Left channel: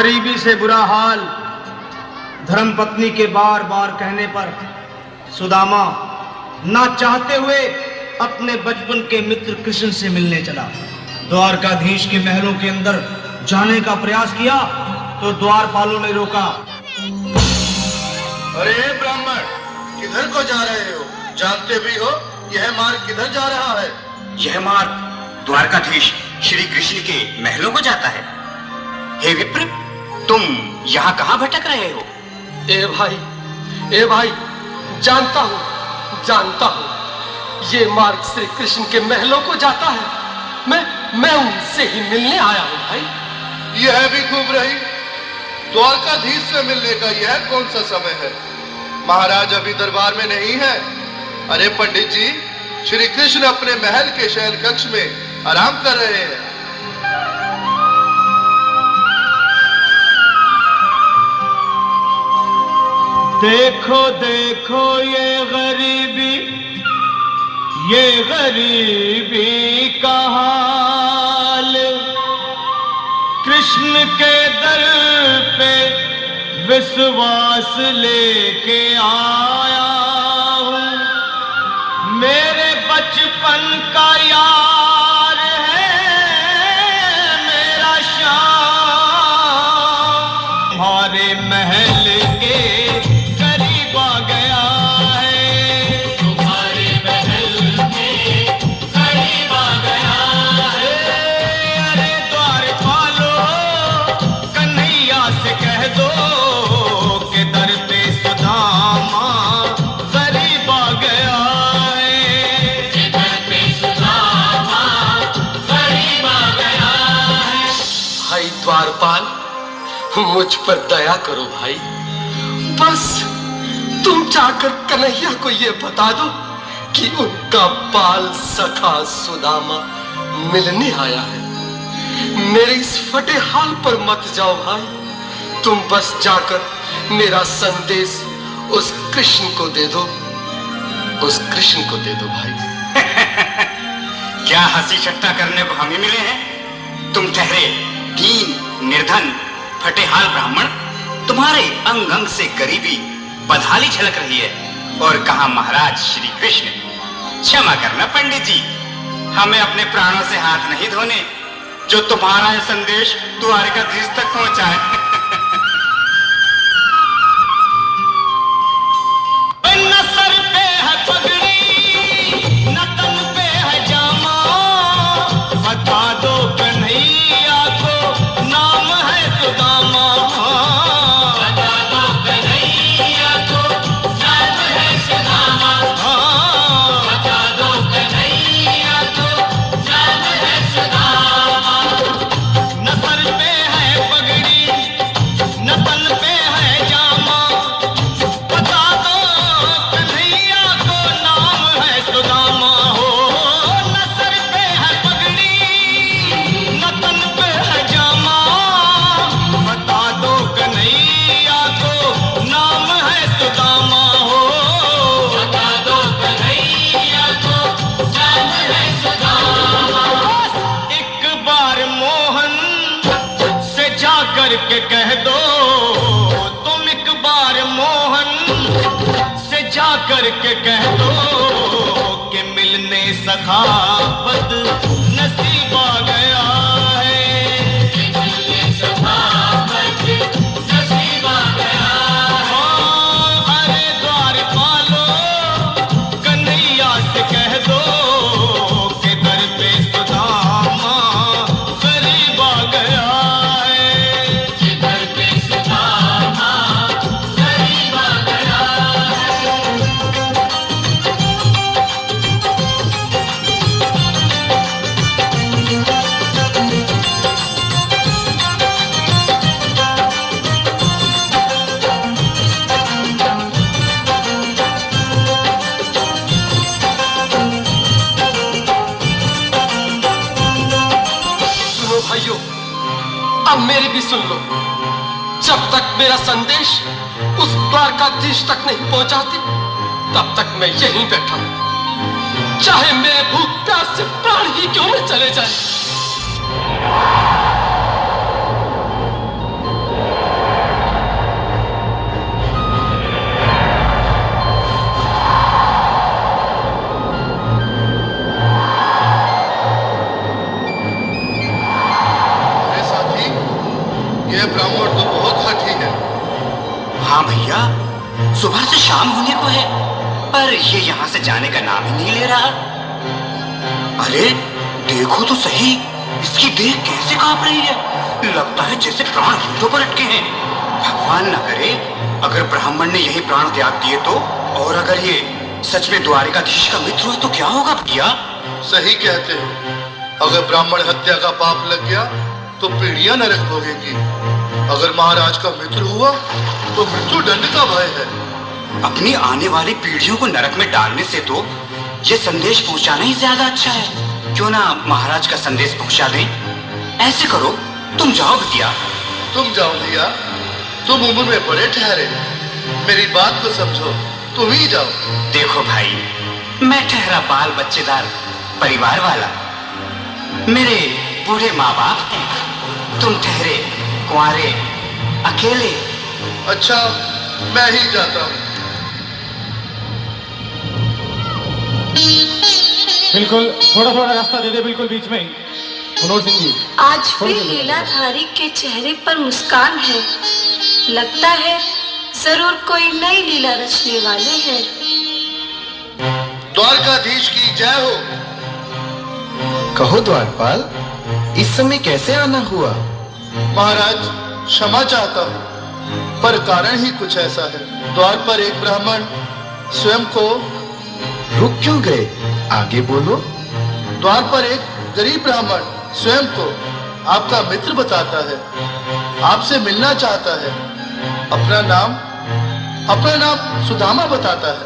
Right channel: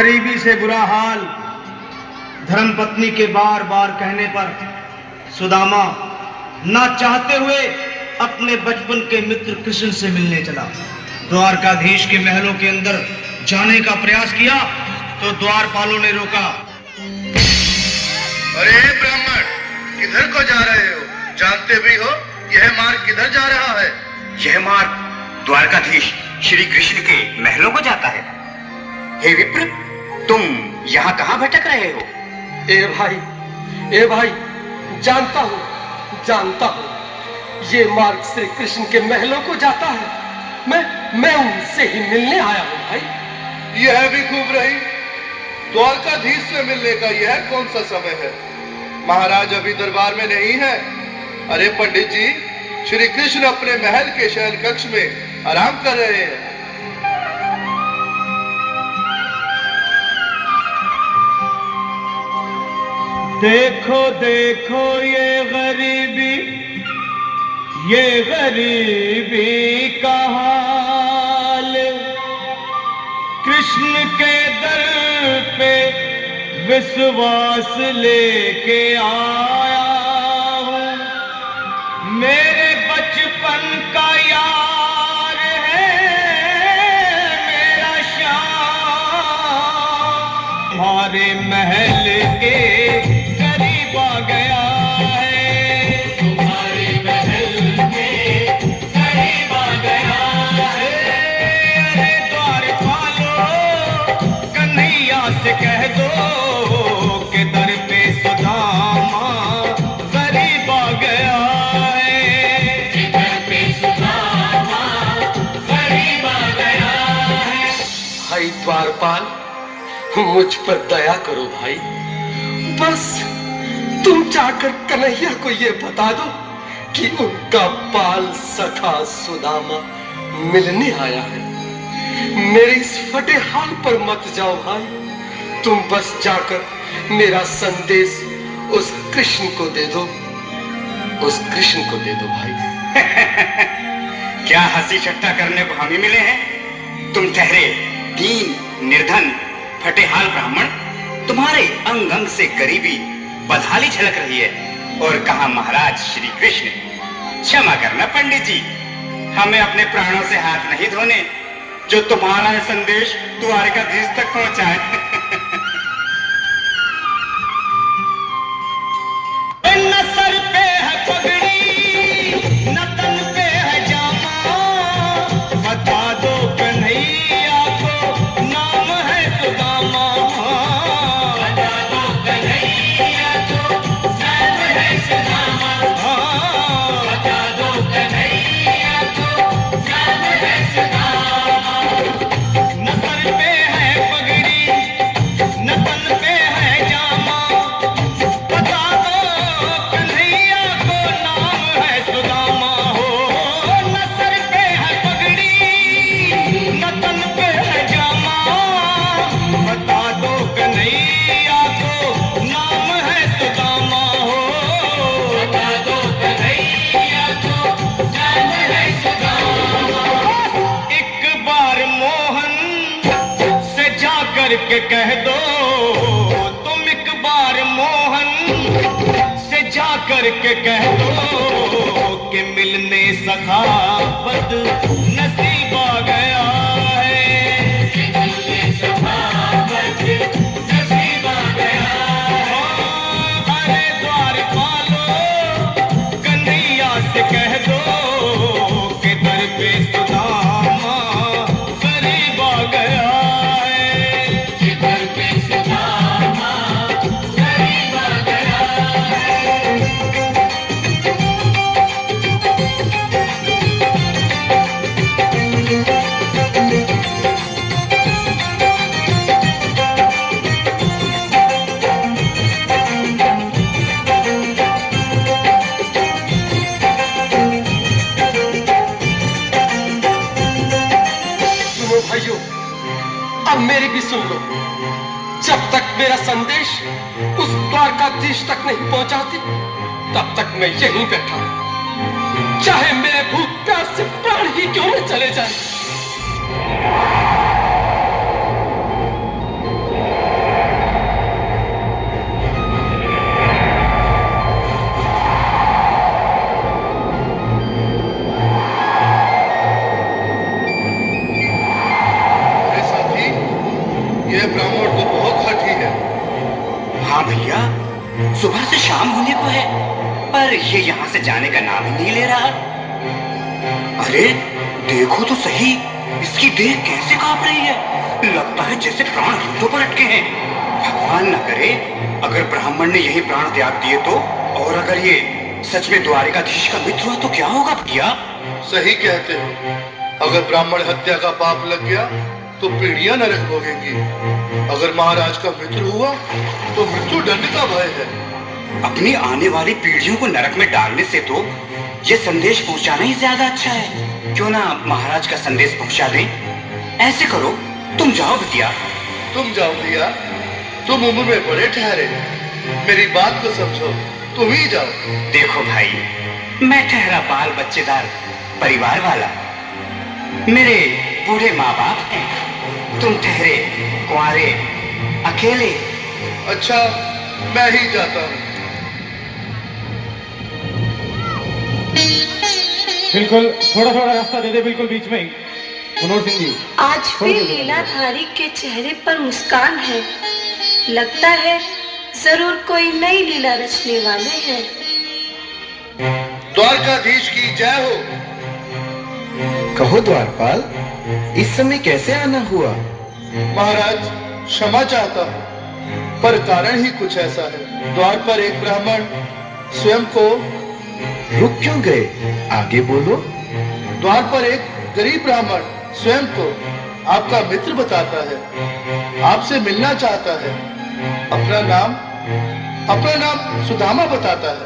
गरीबी से बुरा हाल धर्मपत्नी के बार बार कहने पर सुदामा ना चाहते हुए अपने बचपन के मित्र कृष्ण से मिलने चला। द्वारकाधीश के महलों के अंदर जाने का प्रयास किया तो द्वारपालों ने रोका। अरे ब्राह्मण, किधर को जा रहे हो? जानते भी हो यह मार्ग किधर जा रहा है? यह मार्ग द्वारकाधीश श्री कृष्ण के महलों को जाता है। हे विप्र, तुम यहाँ कहाँ भटक रहे हो? ए भाई, जानता हूँ ये मार्ग श्री कृष्ण के महलों को जाता है। मैं उनसे ही मिलने आया हूँ भाई। यह भी खूब रही। द्वारकाधीश से मिलने का यह कौन सा समय है? महाराज अभी दरबार में नहीं है। अरे पंडित जी, श्री कृष्ण अपने महल के शयन कक्ष में आराम कर रहे हैं। देखो देखो ये गरीबी का हाल, कृष्ण के दर पे विश्वास लेके आया हूँ। मेरे बचपन का यार है मेरा श्याम, हमारे महल के करीब आ गया है। तुम्हारे महल के करीब आ गया है। अरे द्वारपालो, कन्हैया से कह दो कि दर पे सुदामा गरीब आ गया है। दर पे सुदामा गरीब आ गया है। भाई द्वारपाल, मुझ पर दया करो भाई। बस तुम जाकर कन्हैया को ये बता दो कि उनका बाल सखा सुदामा मिलने आया है। मेरे इस फटे हाल पर मत जाओ भाई। तुम बस जाकर मेरा संदेश उस कृष्ण को दे दो। भाई। क्या हंसी ठट्टा करने को हम ही मिले हैं? तुम ठहरे दीन, निर्धन, फटेहाल ब्राह्मण, तुम्हारे अंग अंग से गरीबी बदहाली झलक रही है। और कहा महाराज श्री कृष्ण। क्षमा करना पंडित जी, हमें अपने प्राणों से हाथ नहीं धोने जो तुम्हारा यह संदेश द्वारकाधीश तक पहुंचाए। न सर पे है पगड़ी, न तन पे है जामा, बता दो कन्हैया को नाम है सुदामा। बता दो कन्हैया को नाम है सुदामा। बता दो कन्हैया को नाम है सुदामा। न सर पे है पगड़ी, न तन पे है जामा, बता दो कन्हैया को नाम है सुदामा। हो न सर पे है पगड़ी, न तन पे है जामा, बता दो कन्हैया को नाम है सुदामा। हो बता दो कन्हैया को नाम है सुदामा। एक बार मोहन से जा कर के कह दो, तुम एक बार मोहन से जा कर के कह दो कि मिलने सखावत नसीब आ गया है। मिलने सखावत नसीब आ गया है। अरे द्वारपालो, कन्हैया से कह दो कि दर पे सुदामा गरीब आ गया है। दर पे सुदामा गरीब आ गया है। सुनो भाइयों, अब मेरी भी सुन लो। जब तक मेरा संदेश उस द्वारकाधीश तक नहीं पहुंचाती, तब तक मैं यहीं बैठा हूं, चाहे मेरे भूख प्यास से प्राण ही क्यों न चले जाए। शाम होने को है, पर ये यहाँ से जाने का नाम ही नहीं ले रहा। अरे देखो तो सही, इसकी देह कैसे कांप रही है। लगता है जैसे प्राण हीथों पर अटके हैं। भगवान न करे अगर ब्राह्मण ने यही प्राण त्याग दिए तो, और अगर ये सच में द्वारिकाधीश का मित्र हुआ तो क्या होगा भैया? सही कहते हो। अगर ब्राह्मण हत्या का पाप लग गया तो पीढ़ियां नरक भोगेंगी। अगर महाराज का मित्र हुआ तो मृत्यु दंड का भय है। अपनी आने वाली पीढ़ियों को नरक में डालने से तो ये संदेश पहुंचाना ही ज्यादा अच्छा है। क्यों ना महाराज का संदेश पहुंचा दें। ऐसे करो, तुम जाओ भैया। तुम जाओ भैया, तुम उम्र में बड़े ठहरे, मेरी बात को समझो, तुम ही जाओ। देखो भाई, मैं ठहरा बाल बच्चेदार परिवार वाला, मेरे बूढ़े माँ बाप हैं, तुम ठहरे कुंवारे अकेले। अच्छा, मैं ही जाता हूँ। बिल्कुल थोड़ा थोड़ा रास्ता दे दे, बिल्कुल बीच में ही। मनोहर सिंह जी, आज फिर लीलाधारी के चेहरे पर मुस्कान है। लगता है जरूर कोई नई लीला रचने वाले हैं। द्वारकाधीश की जय हो। कहो द्वारपाल, इस समय कैसे आना हुआ? महाराज, क्षमा चाहता हूँ, पर कारण ही कुछ ऐसा है। द्वार पर एक ब्राह्मण स्वयं को रुक क्यों गए? आगे बोलो। द्वार पर एक गरीब ब्राह्मण स्वयं को आपका मित्र बताता है, आपसे मिलना चाहता है। अपना नाम सुदामा बताता है।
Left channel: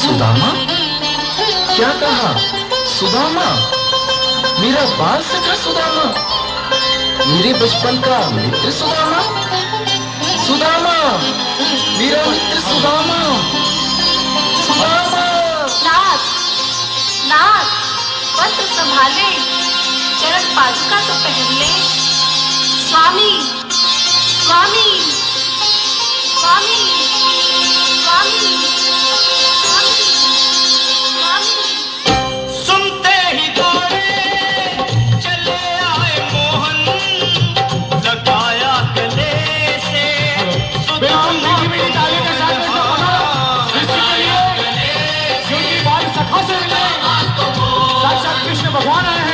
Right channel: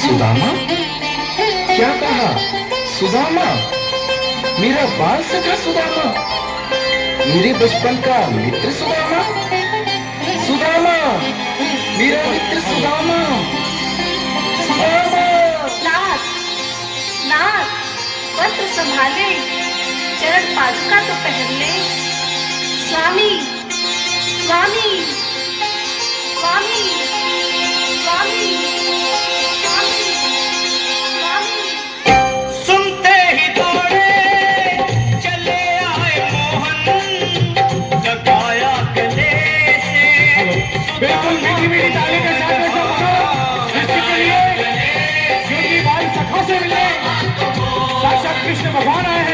सुदामा? क्या कहा? सुदामा? मेरा बाल सखा सुदामा? मेरे बचपन का मित्र सुदामा? सुदामा, मेरा मित्र सुदामा। सुदामा! नाथ, नाथ, वस्त्र संभाले, चरण पादुका तो पहन ले। स्वामी, स्वामी, स्वामी, स्वामी, स्वामी, स्वामी। सुनते ही दौड़े चले आए मोहन, लगाया गले से बिल्कुल मीठी मीठी ताली के साथ में सब बताओ इसके लिए क्योंकि भाई सखा से मिले साक्षात कृष्ण भगवान आए हैं।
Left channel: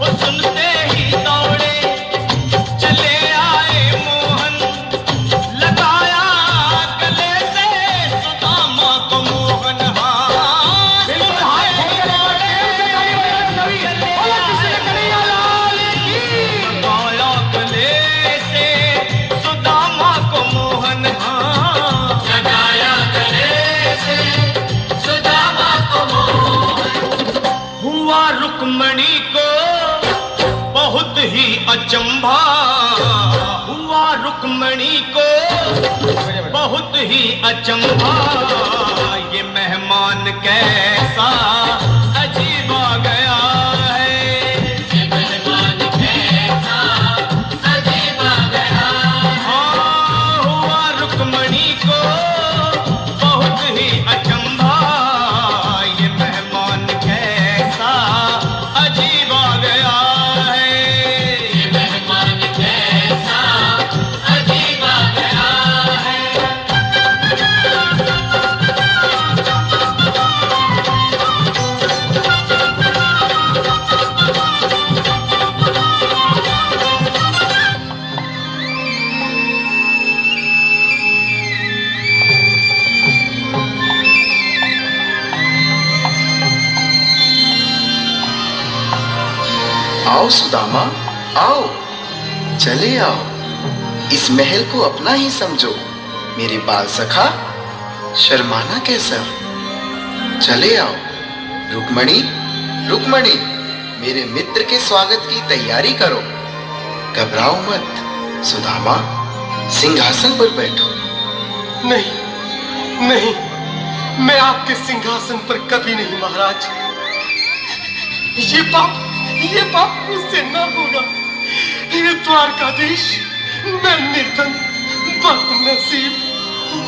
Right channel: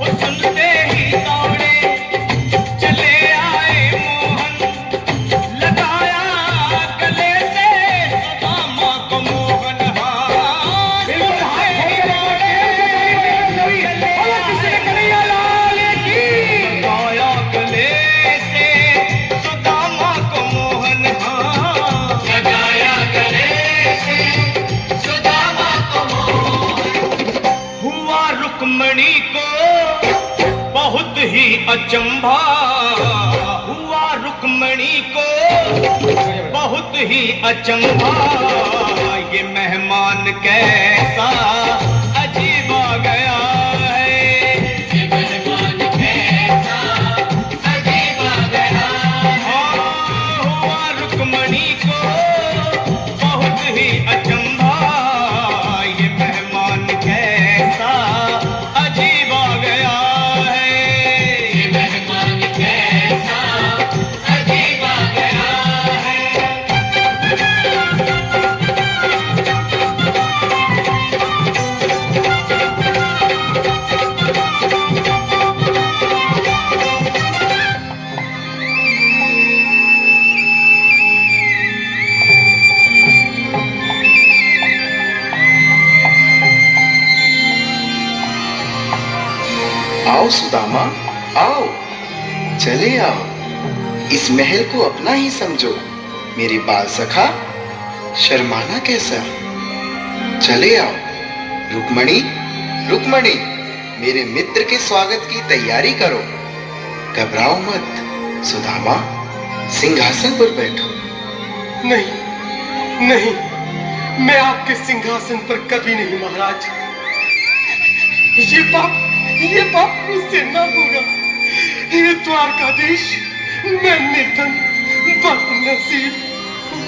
वो सुनते ही दौड़े चले आए मोहन, लगाया गले से सुदामा को मोहन। हाँ बिल्कुल हाथ खोल के बाहर तेज से ताली बजाओ सभी। बोलो किसी कन्हैया लाल की। लगाया गले से सुदामा को मोहन। हाँ लगाया गले से सुदामा को मोहन। हुआ रुक्मणी को बहुत ही अचंभा, हुआ रुक्मणी को बहुत ही अचंभा। ये मेहमान कैसा अजीब आ गया है, ये मेहमान कैसा अजीब आ गया। हाँ, हुआ रुक्मणी को बहुत ही अचंभा। ये मेहमान कैसा अजीब आ गया है, ये मेहमान कैसा अजीब आ गया है। आओ सुदामा, आओ, चले आओ। इस महल को अपना ही समझो। मेरे बाल सखा, शर्माना कैसा? चले आओ। रुक्मणी, रुक्मणी, मेरे मित्र के स्वागत की तैयारी करो। घबराओ मत। सुदामा, सिंहासन पर बैठो। नहीं, नहीं, मैं आपके सिंहासन पर कभी नहीं महाराज। ये पाप मुझसे न होगा। ये द्वारकाधीश, मैं निर्धन, बदनसीब,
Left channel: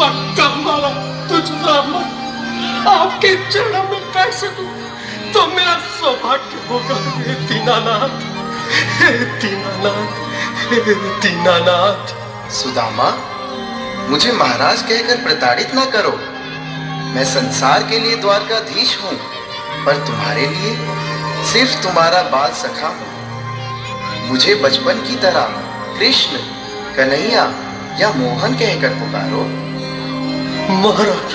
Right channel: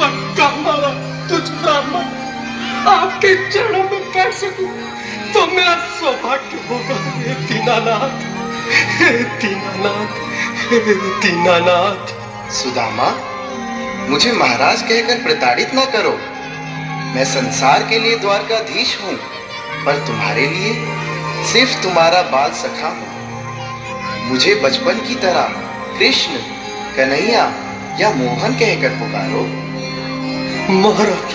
बदकामारा, तुझना मत आपके चरणों में बैठ सकूं तो मेरा सौभाग्य होगा। हे दीनानाथ, हे दीनानाथ, हे दीनानाथ। सुदामा, मुझे महाराज कहकर प्रताड़ित न करो। मैं संसार के लिए द्वारकाधीश हूँ, पर तुम्हारे लिए सिर्फ तुम्हारा बाल सखा हूँ। मुझे बचपन की तरह कृष्ण, कन्हैया या मोहन कहकर पुकारो। महाराज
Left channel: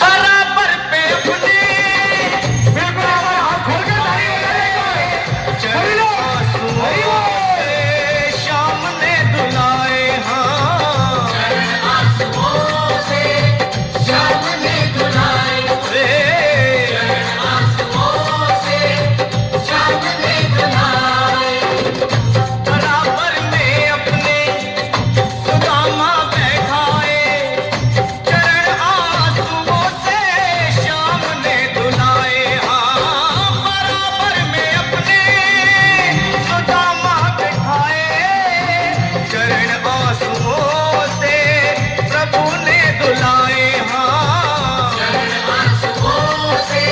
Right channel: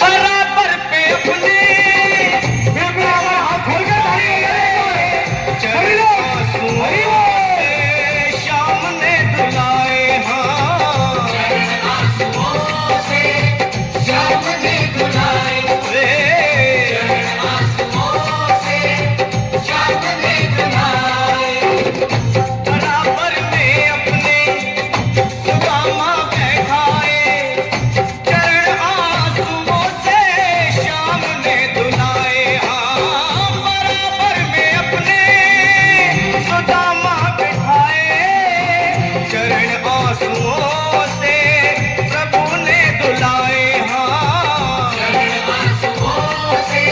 बराबर पे अपने बराबर हाथ खोल कर ताली बजाएंगे। सभी लोग आंसुओं से शाम ने धुलाए, हाँ आंसुओं से शाम ने धुलाए रे, आंसुओं से शाम ने धुलाए। बराबर में अपने सुदामा बैठाए, चरण आंसुओं से शाम ने धुलाए, हाँ बराबर में अपने सुदामा बैठाए, चरण आंसुओं से प्रभु ने धुलाए, हाँ चरण आंसुओं से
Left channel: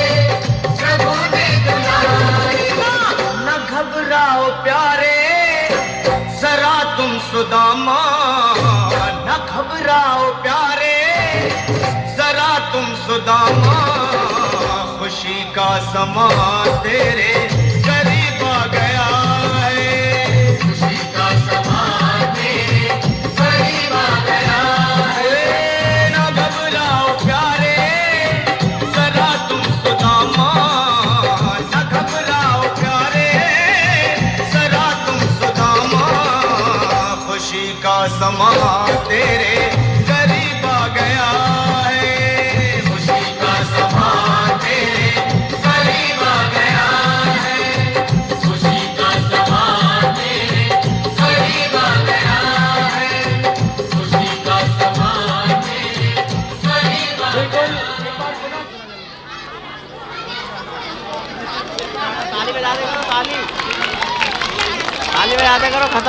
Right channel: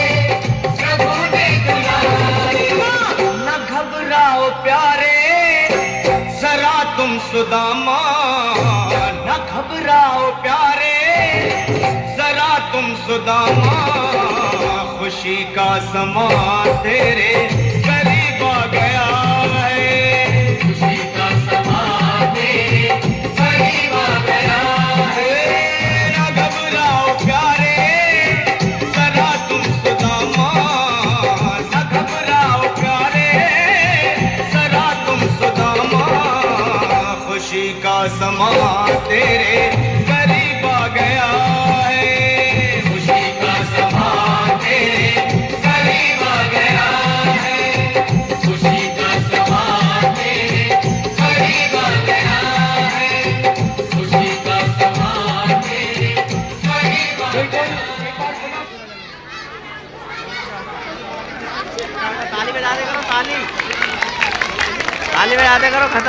प्रभु ने धुलाए। न घबराओ प्यारे जरा तुम सुदामा, न घबराओ प्यारे जरा तुम सुदामा, खुशी का समा तेरे करीब आ गया है, खुशी का समा तेरे करीब आ गया है। न घबराओ प्यारे जरा तुम सुदामा, न घबराओ प्यारे जरा तुम सुदामा, खुशी का समा तेरे करीब आ गया है, खुशी का समा तेरे करीब आ गया है, खुशी का समा तेरे करीब आ गया है, खुशी का समा तेरे करीब आ गया है। ताली बजा दे करो, खत्म।